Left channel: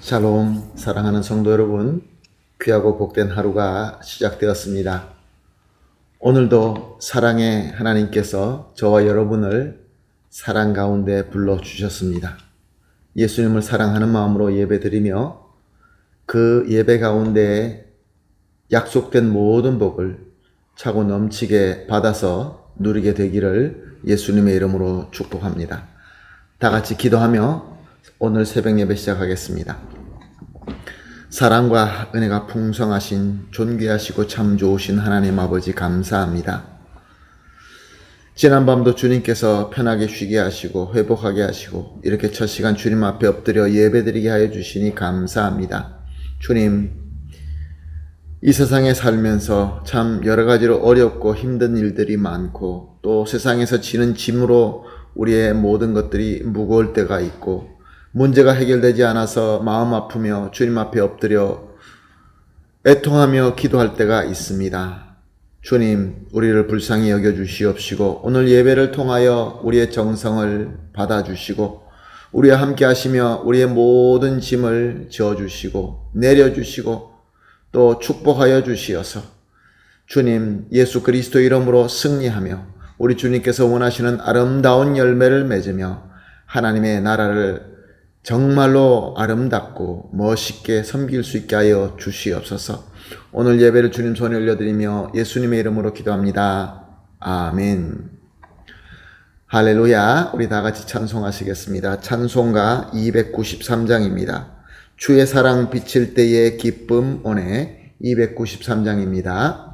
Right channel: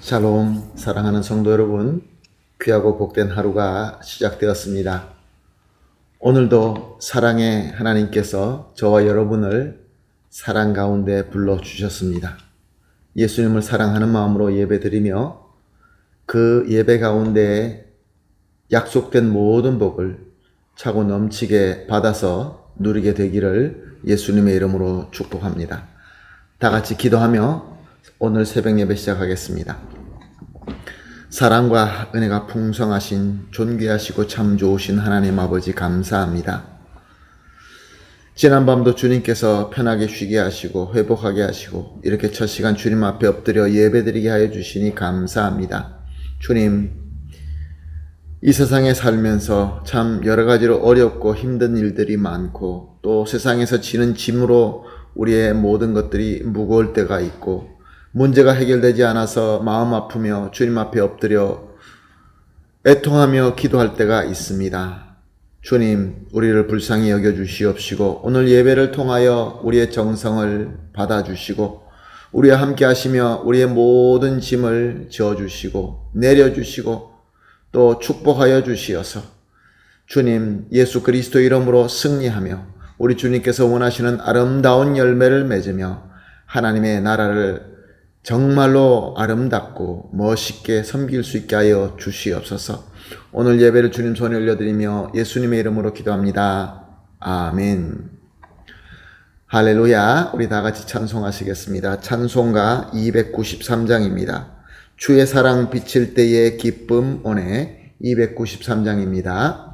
샬롬, 사랑하는 성도 여러분, 귀하고 복된 하루가 시작되었습니다. 오늘도 사랑의 하나님께서 저와 여러분을 사랑 가운데 불러주셨습니다. 예수님을 사랑하는 마음으로 예배드리며 그 예배 가운데 약속된 모든 복을 차고 넘치게 받아서 누리게 되기를 예수님의 이름으로 축복합니다. 다 같이 기도하며 오늘 새벽 예배 시작하겠습니다. 사랑과 은혜가 풍성하신 존귀하시고 참 좋으신 하나님 아버지 감사합니다. 지난밤도 주님께서 편하게 쉬게 하시고 회복하게 하시고 이렇게 첫 시간 주님 앞에 엎드려 예배드리게 하여 주시니 감사합니다. 주님, 이 세상에 살면서 참 여러 가지로 어렵고 힘든 일들이 많고 또 세상에서 지는 짐으로 우리의 모든 것들이 무거울 때가 있고 문제가 해결되지 않아서 마음 아프며 주님 앞에 엎드려 애통하며 기도할 때가 있습니다. 주님, 우리를 불쌍히 여겨주시옵시고 오늘 예배를 통하여 우리의 정성을 받아주시고 우리와 함께 하시며 우리의 모든 짐을 지어주시고 내려주시고 또 축복하여 주시어서 주님 예수 그리스도 이름으로 승리하며 우리 주님께서 원하시는 아름다운 열매를 맺으며 하나님의 나라를 정말로 아름답고 멋있게 섬길 수 있게 하여 주시옵소서. 오늘 예배를 주님 손에 올려드리며 예수님의 이름으로 기도합니다. 아멘. 할렐루야. 우리 다 같이 찬송하시겠습니다. 찬송가 293장입니다. 주의 사랑 비칠 때의 기쁨 오네 293장입니다.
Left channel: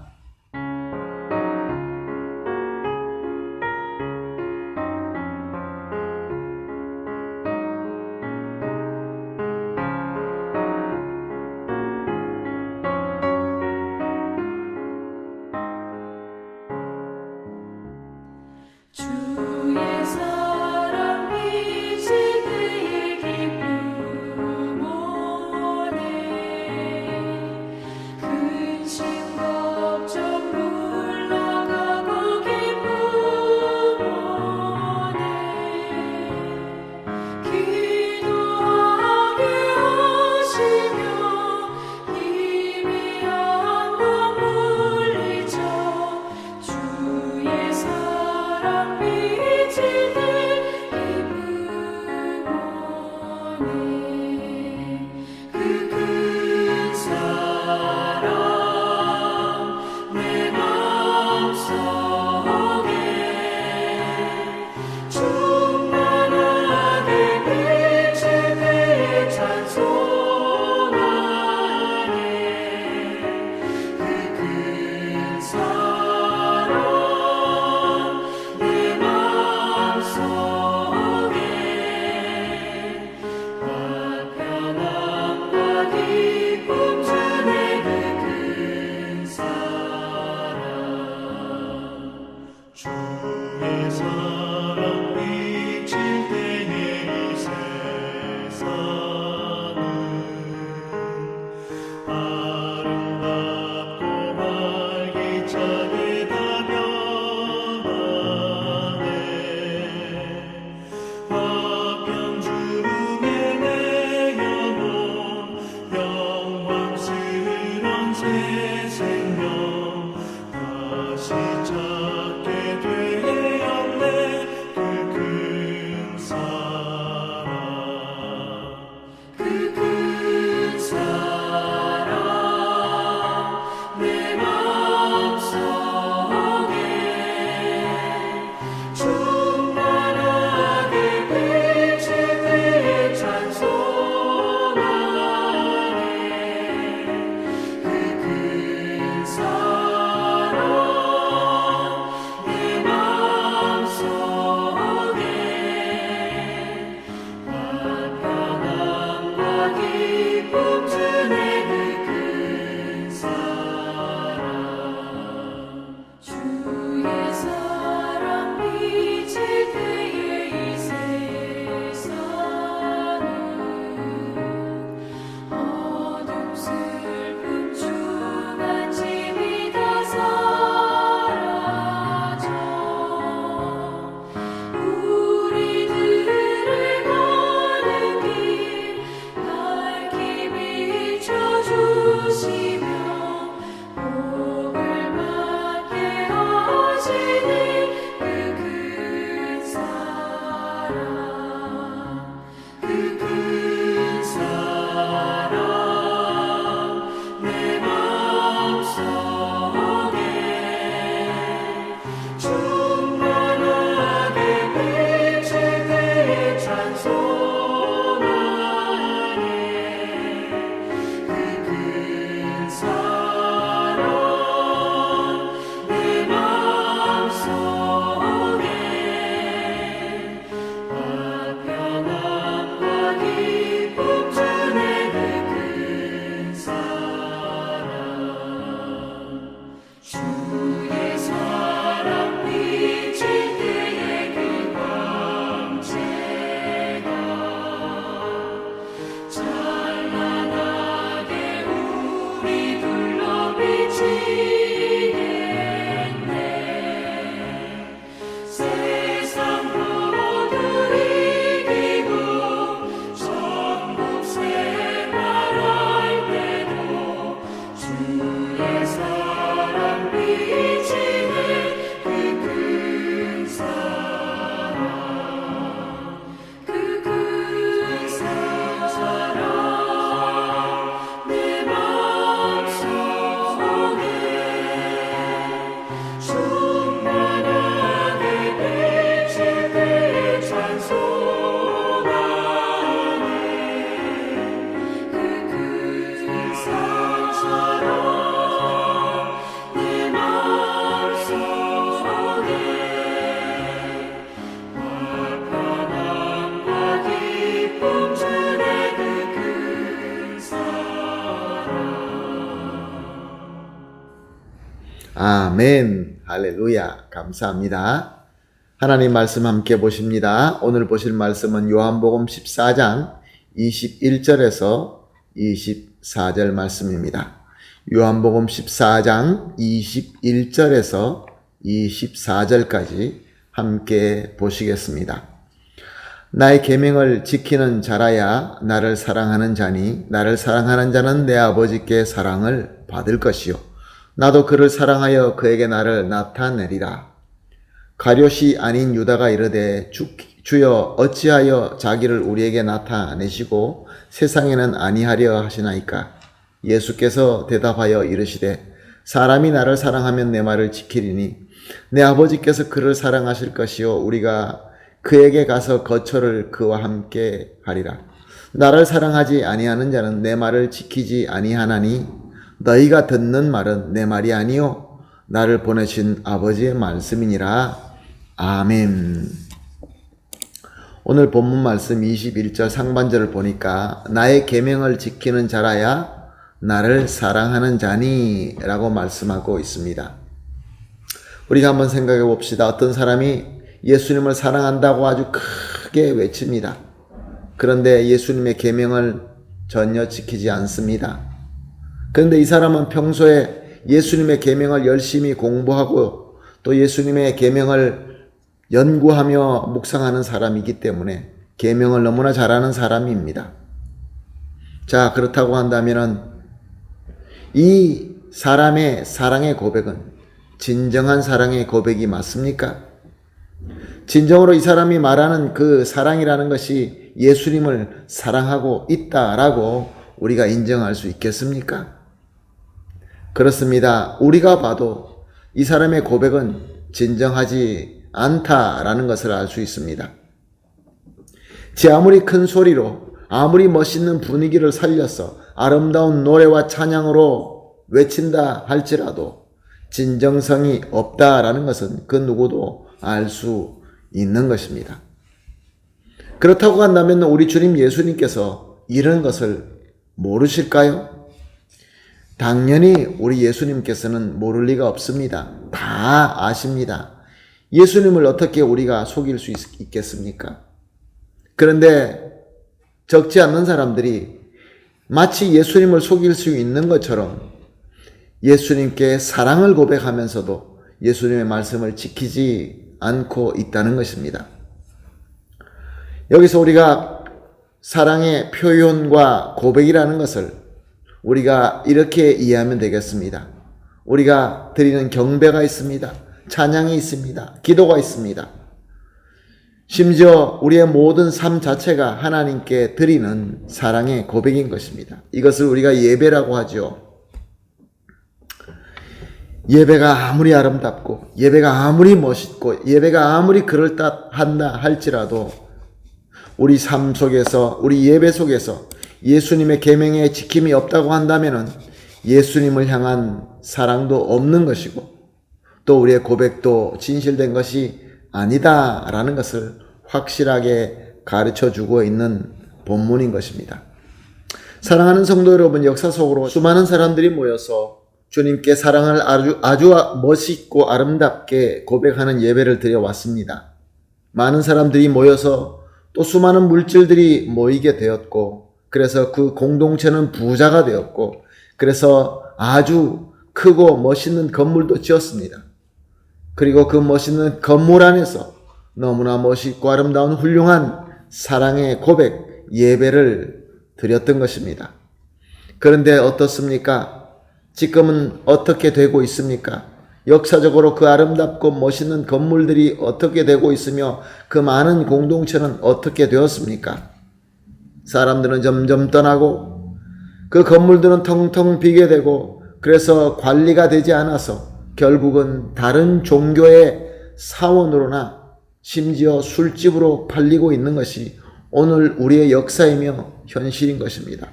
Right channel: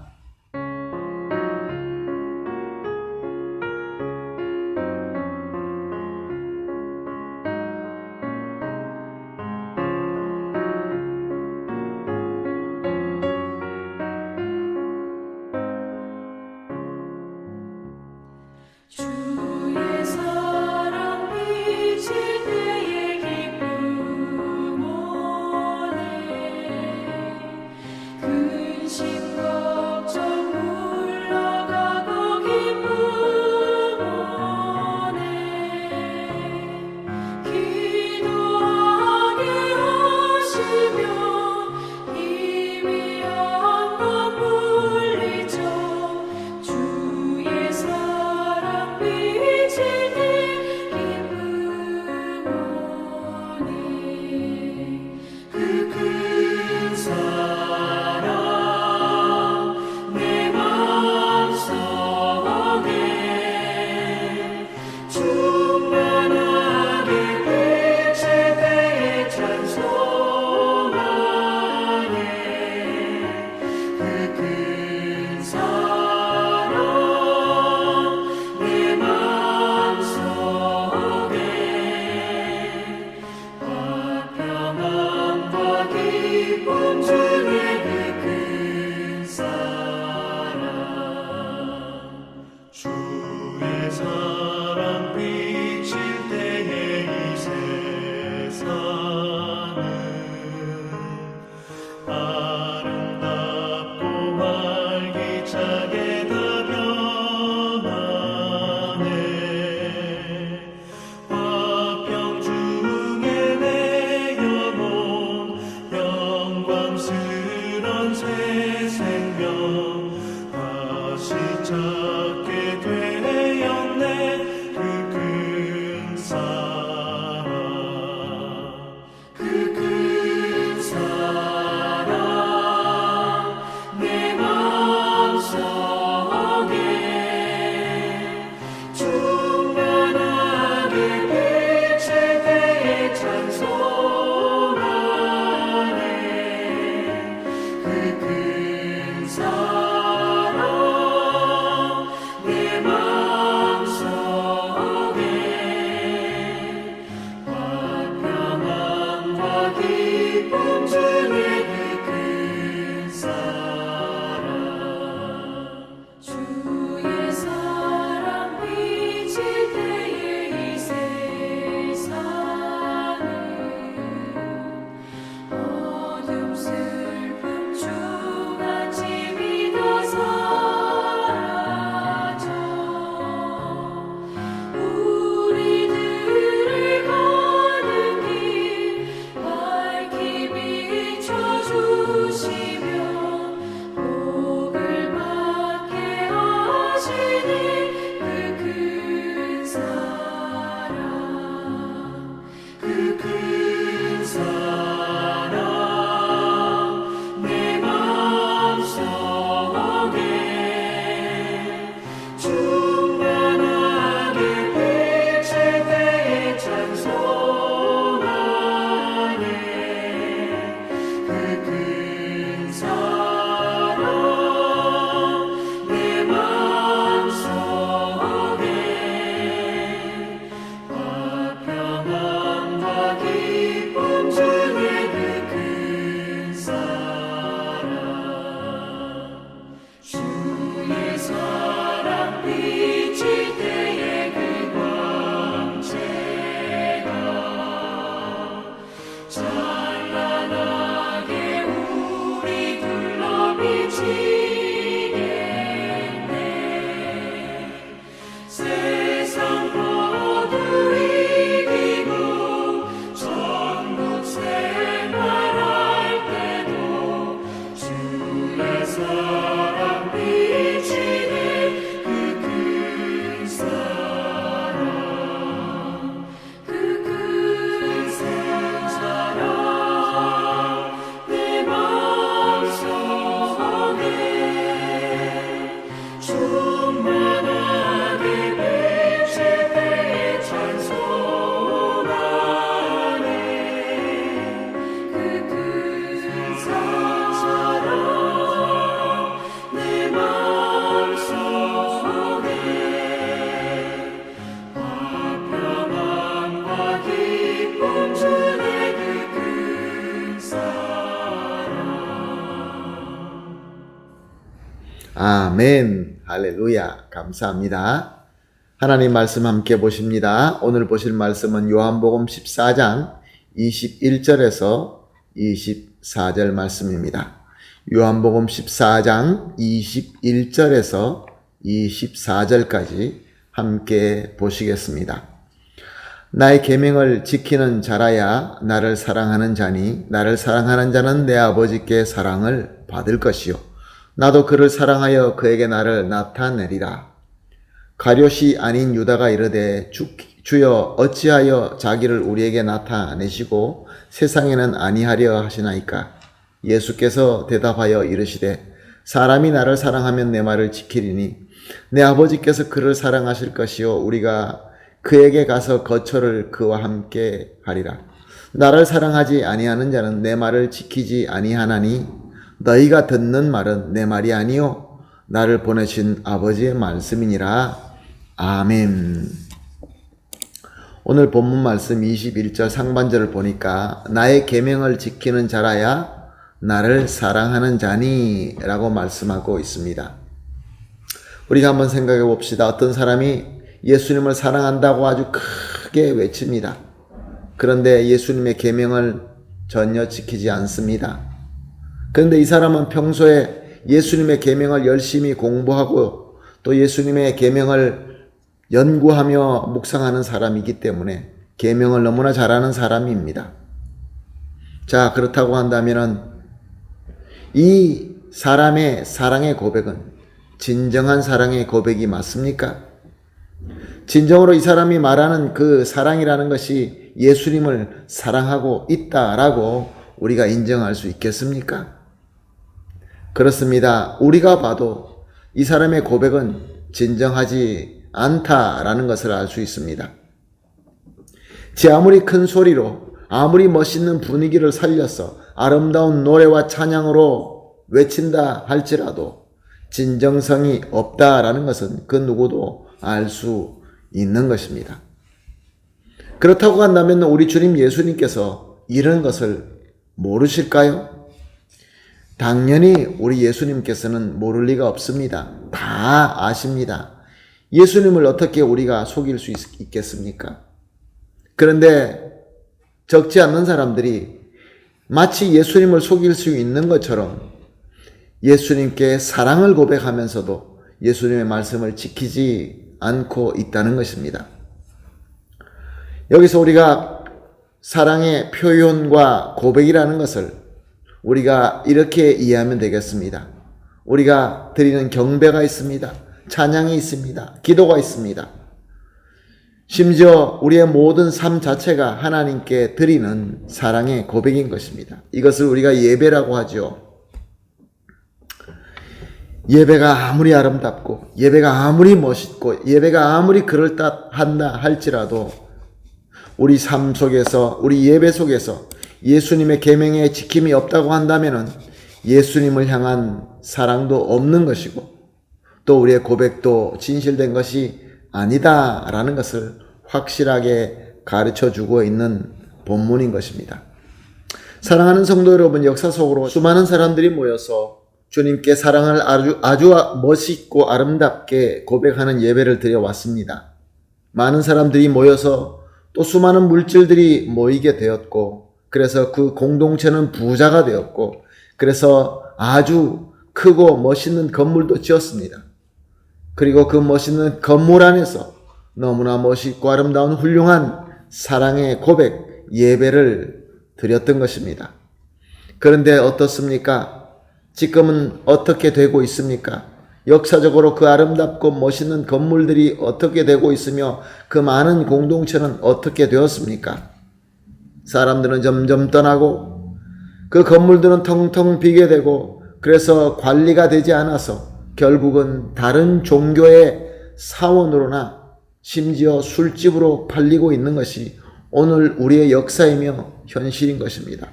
주의 사랑 비칠 때의 기쁨 오네 근심 걱정 물러가고 기쁨 오네 기도하게 하시며 희미한 밤 물리쳐 주의 사랑 비칠 때 기쁨 오네 그 큰 사랑 내 맘속에 충만하게 비칠 때에 찬송하네 그 큰 사랑 내 맘속에 화평함과 기쁨 주네 그 큰 사랑 주의 사랑 비칠 때의 이 세상은 아름답고 활기차게 다 변하네 화평 중에 내 영혼 영광스런 새 생명 다시 찾게 되었네 그 큰 사랑 그 큰 사랑 내 맘속에 충만하게 비칠 때에 찬송하네 그 큰 사랑 내 맘속에 화평함과 기쁨 주네 그 큰 사랑 주의 사랑 비칠 때의 이 세상은 어둠 슬픔 주간 짐이 다 사라져 우리들을 가는 길 밝히 미치겠네 세상 모두 이기고 천국 생활할 때도 주의 사랑 비치네 그 큰 사랑 그 큰 사랑 내 마음속에 충만하게 비칠 때에 찬송하네 그 큰 사랑 내 마음속에 평안과 기쁨 주네 그 큰 사랑 아멘. 할렐루야. 감사합니다. 하나님 말씀 함께 보십니다. 오늘 보실 말씀은 요한복음 14장 21절에서 24절 말씀입니다. 요한복음 14장 21절에서 24절까지 함께 보시겠습니다. 나의 계명을 지키는 자라야 나를 사랑하는 자니 나를 사랑하는 자는 내 아버지께 사랑을 받을 것이요 나도 그를 사랑하여 그에게 나를 나타내리라. 가룟이 아닌 유다가 이르되 주여 어찌하여 자기를 우리에게 나타내시고 세상에는 아니하려 하시나이까. 예수께서 대답하여 이르시되 사람이 나를 사랑하면 내 말을 지키리니 내 아버지께서 그를 사랑하실 것이요 우리가 그에게 가서 거처를 그와 함께 하리라. 나를 사랑하지 아니하는 자는 내 말을 지키지 아니하나니 너희가 듣는 말은 내 말이 아니요 나를 보내신 아버지의 말씀이니라. 아멘. 오늘 본문 말씀 21절 상반절을 보니까 나의 계명을 지키는 자라야 나를 사랑하는 자니 라고 말씀하고 있습니다. 우리가 한번 생각해 봅시다. 어떤 사람이 예수님을 사랑한다고 아주 크게 외칩니다. 그런데 예수님의 계명을 전혀 지키지 않습니다. 그런데 이 사람은 평소에 예수님의 계명을 열심히 공부하고 또 예수님의 계명을 연구하며 묵상하는 사람이기 때문에 계명을 너무나 잘하는 사람입니다. 자, 그렇다고 한다면 이 사람의 사랑의 고백은 진정한 사랑의 고백이 맞습니까? 진정으로 이 사람이 말하는 그 사랑이라는 것이 예수님을 사랑하고 있다라고 우리가 인정할 수 있겠습니까? 그렇습니다. 우리가 봐도 이 사람의 고백은 진정하지 않다라는 것을 알 수 있습니다. 제 아무리 큰 소리로 아무리 멋있는 분위기를 살려서 아름다운 노래와 찬양으로 외친다 할지라도 진정성이 없다라는 것은 그 누구도 알 수 있는 것입니다. 그렇다고 한다면 우리 주님 예수님께서 이런 것을 모르실까요? 당연히 우리 예수님께서는 모를 리가 없습니다. 다 아십니다. 예수님을 어떻게 우리가 속일 수 있겠습니까? 그런데 적지 않는 사람들이 마치 예수님을 속일 수 있는 것처럼 예수님께 사랑을 고백하면서도 예수님의 말씀을 지키지 않고 있다는 것입니다. 여기서 우리가 사랑의 표현과 고백이라는 것을 우리가 이렇게 이해하면 되겠습니다. 우리가 드리는 경배가 있습니다. 찬양이 있습니다. 기도가 있습니다. 심지어 우리의 모든 삶 자체가 하나님께 드리는 사랑의 고백인 것입니다. 이것을 우리가 예배라고 하죠. 예배가 아무리 아름답고 예배가 아무리 멋있고 예배가 아무리 그럴듯한다 할지라도 우리 삶 속에서 우리 예배 속에서 예수님의 계명의 지킴이 없다고 한다면은 예수님을 향한 사랑도 없는 것이고 또 우리의 고백도 진실된 것이 아니다라는 것을 확실하게 가르쳐주고 있는 본문인 것입니다. 사랑하는 성도 여러분, 역사 속으로 수많은 사람들이 모여서 주님께 사랑을 아주 멋있고 아름답게 고백하는 예배를 드려왔습니다. 많은 사람들이 모여서 또 수많은 물질들이 모이게 되었고 그래서 그 공동체는 부자가 되었고 그래서 아주 크고 멋있는 건물도 지었습니다. 그리고 그 멋있는 건물 안에서 너무나 멋있고 아름다운 훌륭한 사랑의 고백, 예배를 드렸던 것입니다. 그런데 어떻습니까? 지금은 어떻게 되고 있습니까? 역사적으로 그 아름답고 멋있는 건물들이 어떻게 되고 있으며 그 많은 공동체는 어떻게 되었습니까? 사람들은 점점 떠나고 그 건물들은 텅텅 비게 되고 그래서 관리가 되지 않아서 결국은 다른 종교의 사원으로나 심지어 술집으로 팔리고 있는 것이 오늘 우리의 역사이며 현실인 것입니다.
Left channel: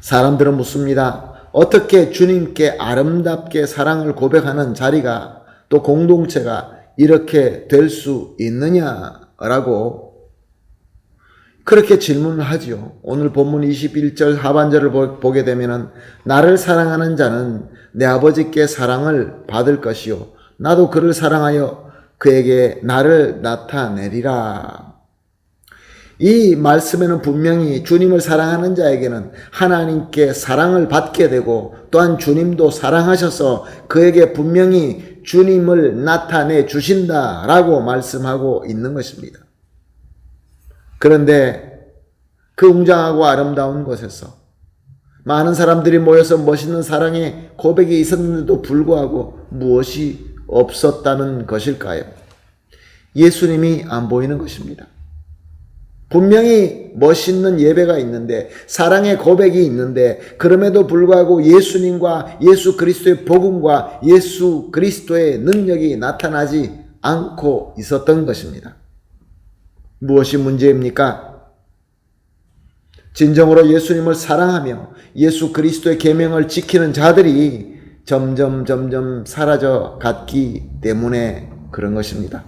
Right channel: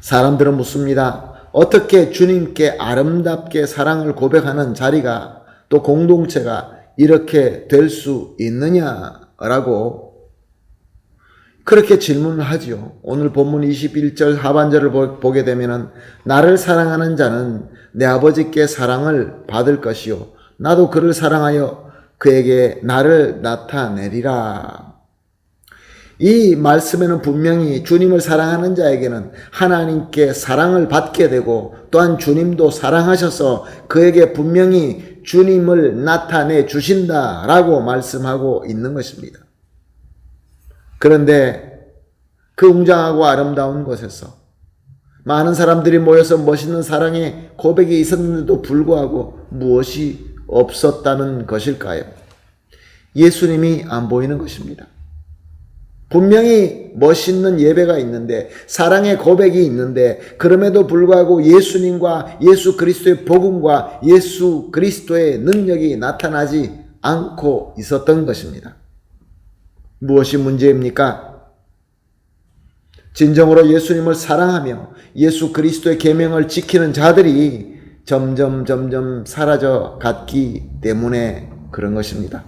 사람들은 묻습니다. 어떻게 주님께 아름답게 사랑을 고백하는 자리가 또 공동체가 이렇게 될 수 있느냐라고 그렇게 질문을 하지요. 오늘 본문 21절 하반절을 보게 되면은 나를 사랑하는 자는 내 아버지께 사랑을 받을 것이요 나도 그를 사랑하여 그에게 나를 나타내리라. 이 말씀에는 분명히 주님을 사랑하는 자에게는 하나님께 사랑을 받게 되고 또한 주님도 사랑하셔서 그에게 분명히 주님을 나타내 주신다라고 말씀하고 있는 것입니다. 그런데 그 웅장하고 아름다운 곳에서 많은 사람들이 모여서 멋있는 사랑의 고백이 있었는데도 불구하고 무엇이 없었다는 것일까요? 예수님이 안 보이는 것입니다. 분명히 멋있는 예배가 있는데 사랑의 고백이 있는데 그럼에도 불구하고 예수님과 예수 그리스도의 복음과 예수 그리스도의 능력이 나타나지 않고 있었던 것입니다. 무엇이 문제입니까? 진정으로 예수님을 사랑하며 예수 그리스도의 계명을 지키는 자들이 점점 사라져 갔기 때문에 그런 것입니다.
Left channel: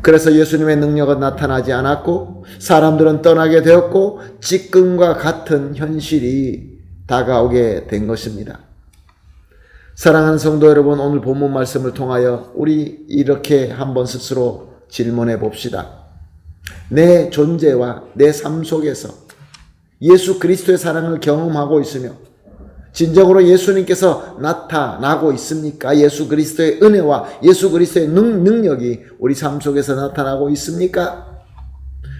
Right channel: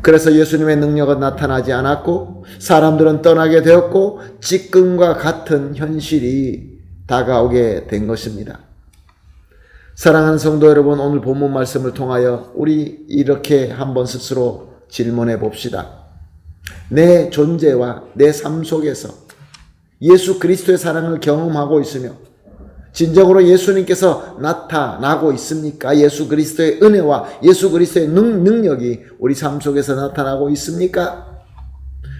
그래서 예수님의 능력은 나타나지 않았고 사람들은 떠나게 되었고 지금과 같은 현실이 다가오게 된 것입니다. 사랑하는 성도 여러분, 오늘 본문 말씀을 통하여 우리 이렇게 한번 스스로 질문해 봅시다. 내 존재와 내 삶 속에서 예수 그리스도의 사랑을 경험하고 있으며 진정으로 예수님께서 나타나고 있습니까? 예수 그리스도의 은혜와 예수 그리스도의 능력이 우리 삶 속에서 나타나고 있습니까?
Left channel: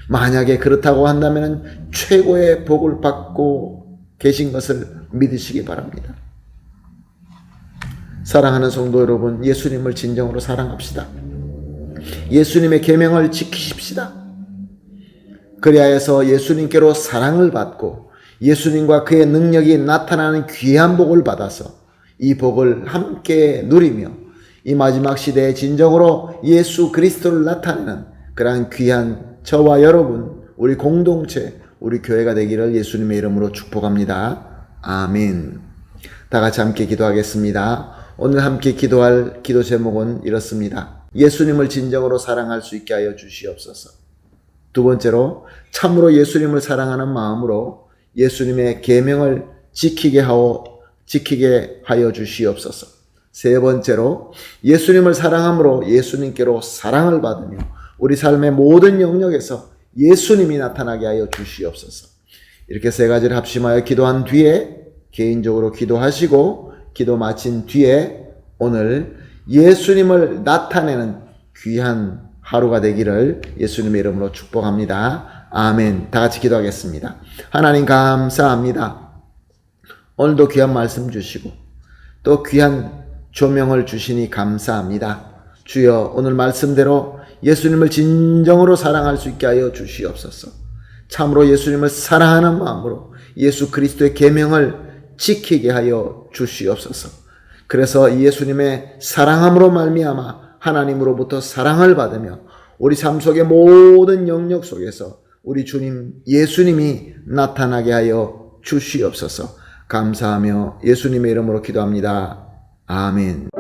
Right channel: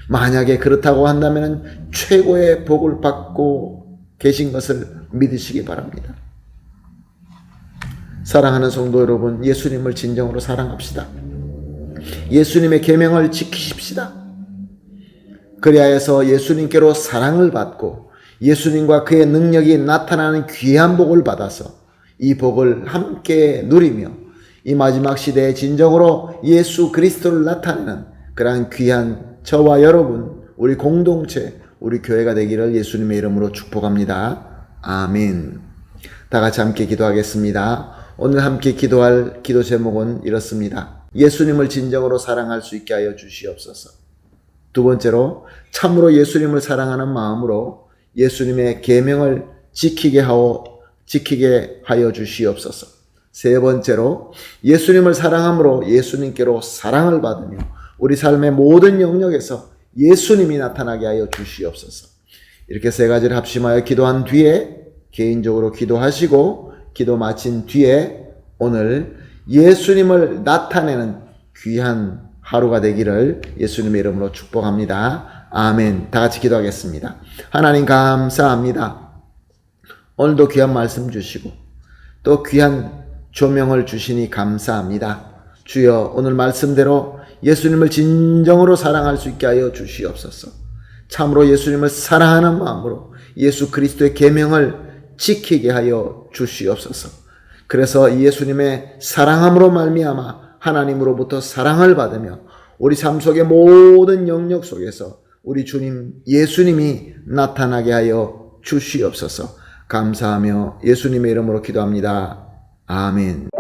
만약에 그렇다고 한다면 최고의 복을 받고 계신 것을 믿으시기 바랍니다. 사랑하는 성도 여러분, 예수님을 진정으로 사랑합시다. 예수님의 계명을 지키십시다. 그리하여서 예수님께로 사랑을 받고 예수님과 그의 능력이 나타나는 귀한 복을 받아서 이 복을 함께 누리며 이 마지막 시대에 진정으로 예수 그리스도를 나타내는 그러한 귀한 저와 여러분, 우리 공동체, 우리 교회가 되기를 예수님의 이름으로 축복합니다. 아멘. 다 같이 함께 기도하겠습니다. 오늘 함께 기도할 기도 제목은 이렇습니다. 예수님을 진정으로 사랑할 수 있게 하여 주시옵소서. 두 번째로 참으로 예수님을 사랑하는 마음으로 예수님의 계명을 지키게 하여 주시옵소서. 세 번째로 예수님을 사랑함으로 예수님께로 사랑을 받으며 우리 삶의 모든 영역에서 예수님이 나타나게 하여 주시옵소서. 이렇게 세 가지를 합심하여 기도한 뒤에 개인적으로 기도하시고 기도 마친 뒤에 오늘 예수님을 나타내는 귀한 하루가 되기를 예수님의 이름으로 축복합니다. 아멘. 다 같이 기도하겠습니다. 하나님 감사합니다. 오늘도 귀한 말씀 주시고 또 귀한 조명을 주시니 감사합니다. 주여, 오늘 말씀대로 예수님을 진정으로 사랑할 수 있게 하여 주시옵소서. 참으로 예수님을 사랑하는 마음으로 예수 그리스도의 계명을 지키게 하여 주시옵소서. 그래서 예수님의 사랑함으로 말미암아 하나님으로부터 사랑을 받으며 우리 삶 속의 모든 영역 속에서 우리 주님 예수님이 나타나게 하여 주시옵소서. 감사하며 예수님의 이름으로 기도합니다. 아멘.